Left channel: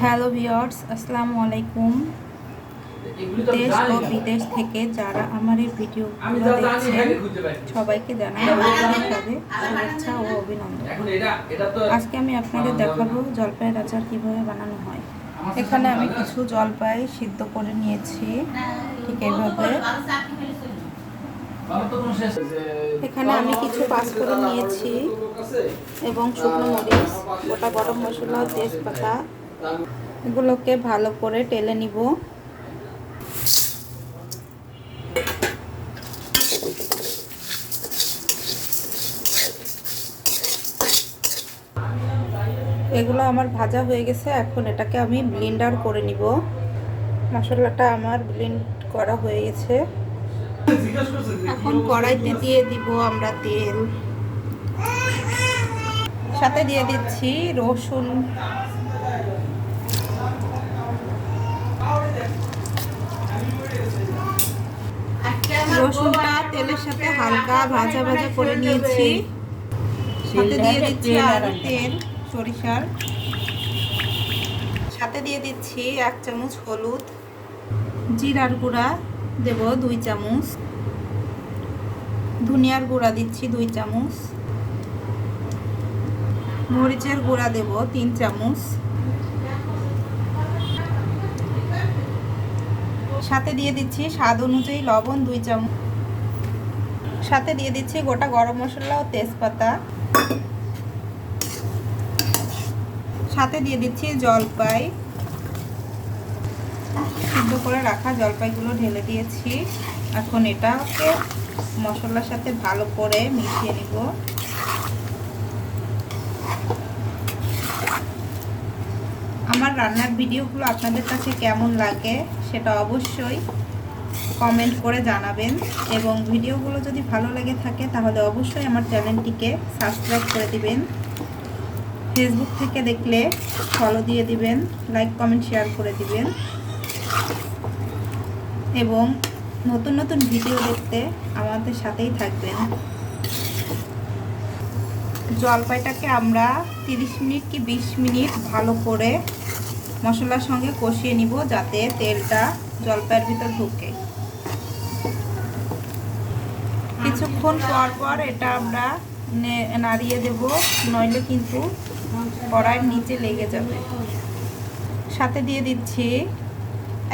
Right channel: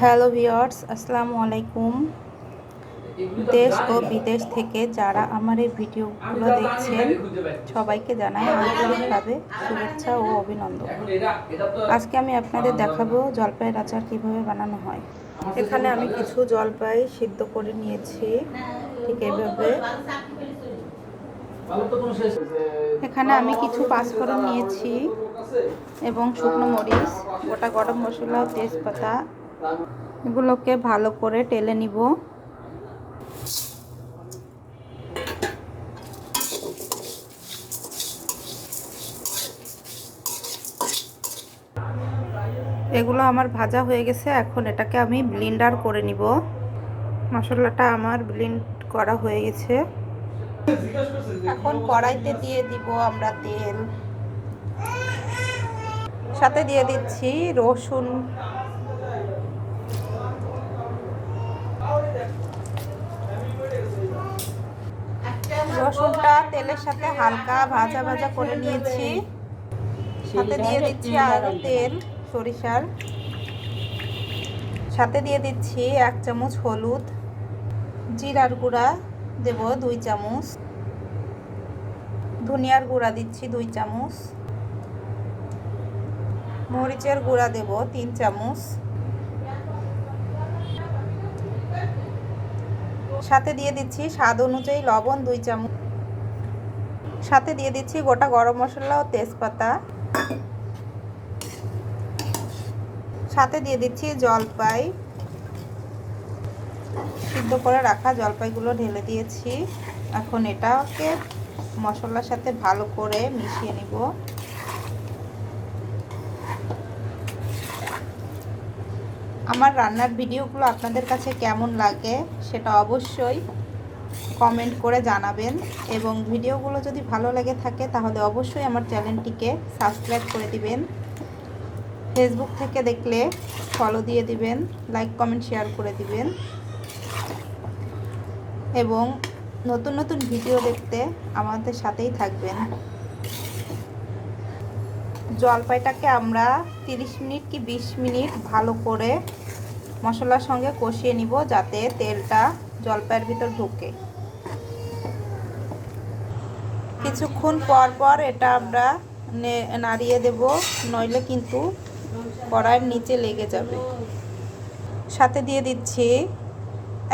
Hello viewers, আসসালামু আলাইকুম। দেশ ও বিদেশ থেকে যারা আমার এই ভিডিওগুলো দেখছেন সবাইকে জানাই আন্তরিকভাবে শুভেচ্ছা ও অভিনন্দন। আজকে আমি আপনাদের দেখাবো জলপাইয়ের আচার কিভাবে বানানো হয়। এখানে আমি কিছু জলপাই সিদ্ধ করে নিয়েছি, ঠিক এইভাবে। এখানে আমি কিছু পাঁচফোড়ন নিয়েছি এবং শুকনো মরিচ, গোটা গরম মশলা, তেজপাতা, এগুলোকে ভালো করে টেলে নিব। এগুলো আমার ভাজা হয়ে গেছে, এখন এটাকে আমি ব্লেন্ডার করে নিব। মশলাটা আমার ব্লেন্ড করা হয়ে গেছে। এখন কড়াইতে দিয়ে দিব আমরা তেল, সাথে দিয়ে দিচ্ছি রসুন, রসুনটা তেলের সাথে হালকা ভাজা ভাজা করে নিয়েছি। সাথে দিয়ে দিচ্ছি আরও তেল, সরিষার। সাথে দিয়ে দিচ্ছি 1 চামচ হলুদ, জিরার গুঁড়া দেব 2 চামচ, ধনিয়ার গুঁড়া দিচ্ছি 2 চামচ, মরিচের গুঁড়া দেব 3 চামচ, সাথে দিয়ে দিচ্ছি স্বাদ অনুযায়ী লবণ 2 চামচ, সাথে দিয়ে দিচ্ছি গোটা গরম মশলা ও তেজপাতা, সাথে দিয়ে দিচ্ছি জলপাই, সিদ্ধ করে রাখা জলপাইগুলো ঢেলে দিয়েছি। এখন এটাকে মশলার সাথে ভালো করে মিশিয়ে নিব। আমার রান্নার ভিডিওগুলো আপনাদের কাছে কেমন লাগে সেটা অবশ্যই কমেন্ট করে জানাবেন, এবং ভিডিওগুলো যদি ভালো লেগে থাকে তাহলে অবশ্যই আমার চ্যানেলটিকে সাবস্ক্রাইব করে দিবেন। ফেসবুক থেকে দেখলে ফলো দিয়ে দিবেন, লাইক কমেন্ট শেয়ার করে দিবেন, এবং নতুন নতুন ভিডিও দেখতে আমাদের সাথেই থাকবেন। জলপাইটাকে আমরা 30 মিনিট কি 20 মিনিট ভালো করে মশলার সঙ্গে কষিয়ে নিব, যাতে তেলটা জলপাইয়ের ভিতর ঢোকে। কিছুক্ষণ পর পর এটা আমরা নাড়িয়ে দেব, নইলে কিন্তু কড়াইয়ের নিচে লেগে যাবে। সাথে দিয়ে দিচ্ছি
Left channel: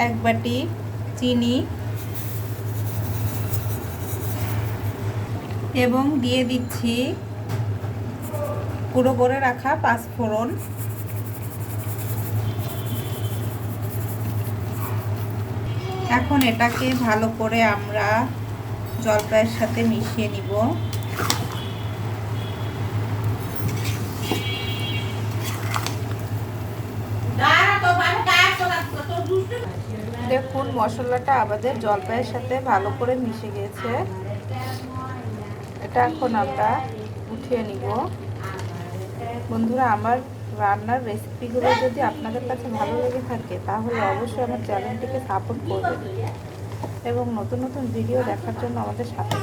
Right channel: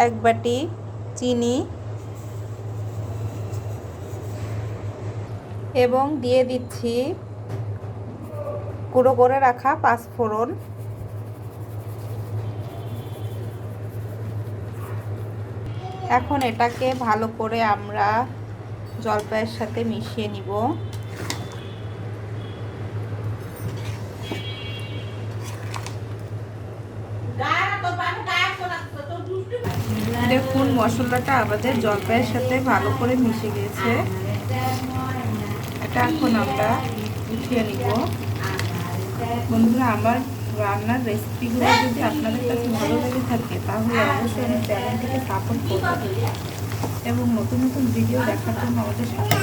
1 বাটি চিনি এবং দিয়ে দিচ্ছি গুঁড়ো করে রাখা পাঁচফোড়ন। এখন এটাকে ভালো করে আমরা জলপাইয়ের সাথে মিশিয়ে নিব। দেখুন মশলাটা আমাদের জলপাইয়ের সাথে ভালো করে মিশে গেছে। এটা এখন আমরা উঠিয়ে নিব। বন্ধুরা, আমার রান্নার রেসিপিগুলো যদি আপনাদের কাছে ভালো লেগে থাকে তাহলে অবশ্যই আমার চ্যানেলটিকে সাপোর্ট করবেন এবং নতুন নতুন ভিডিও দেখার জন্য আমাদের সাথে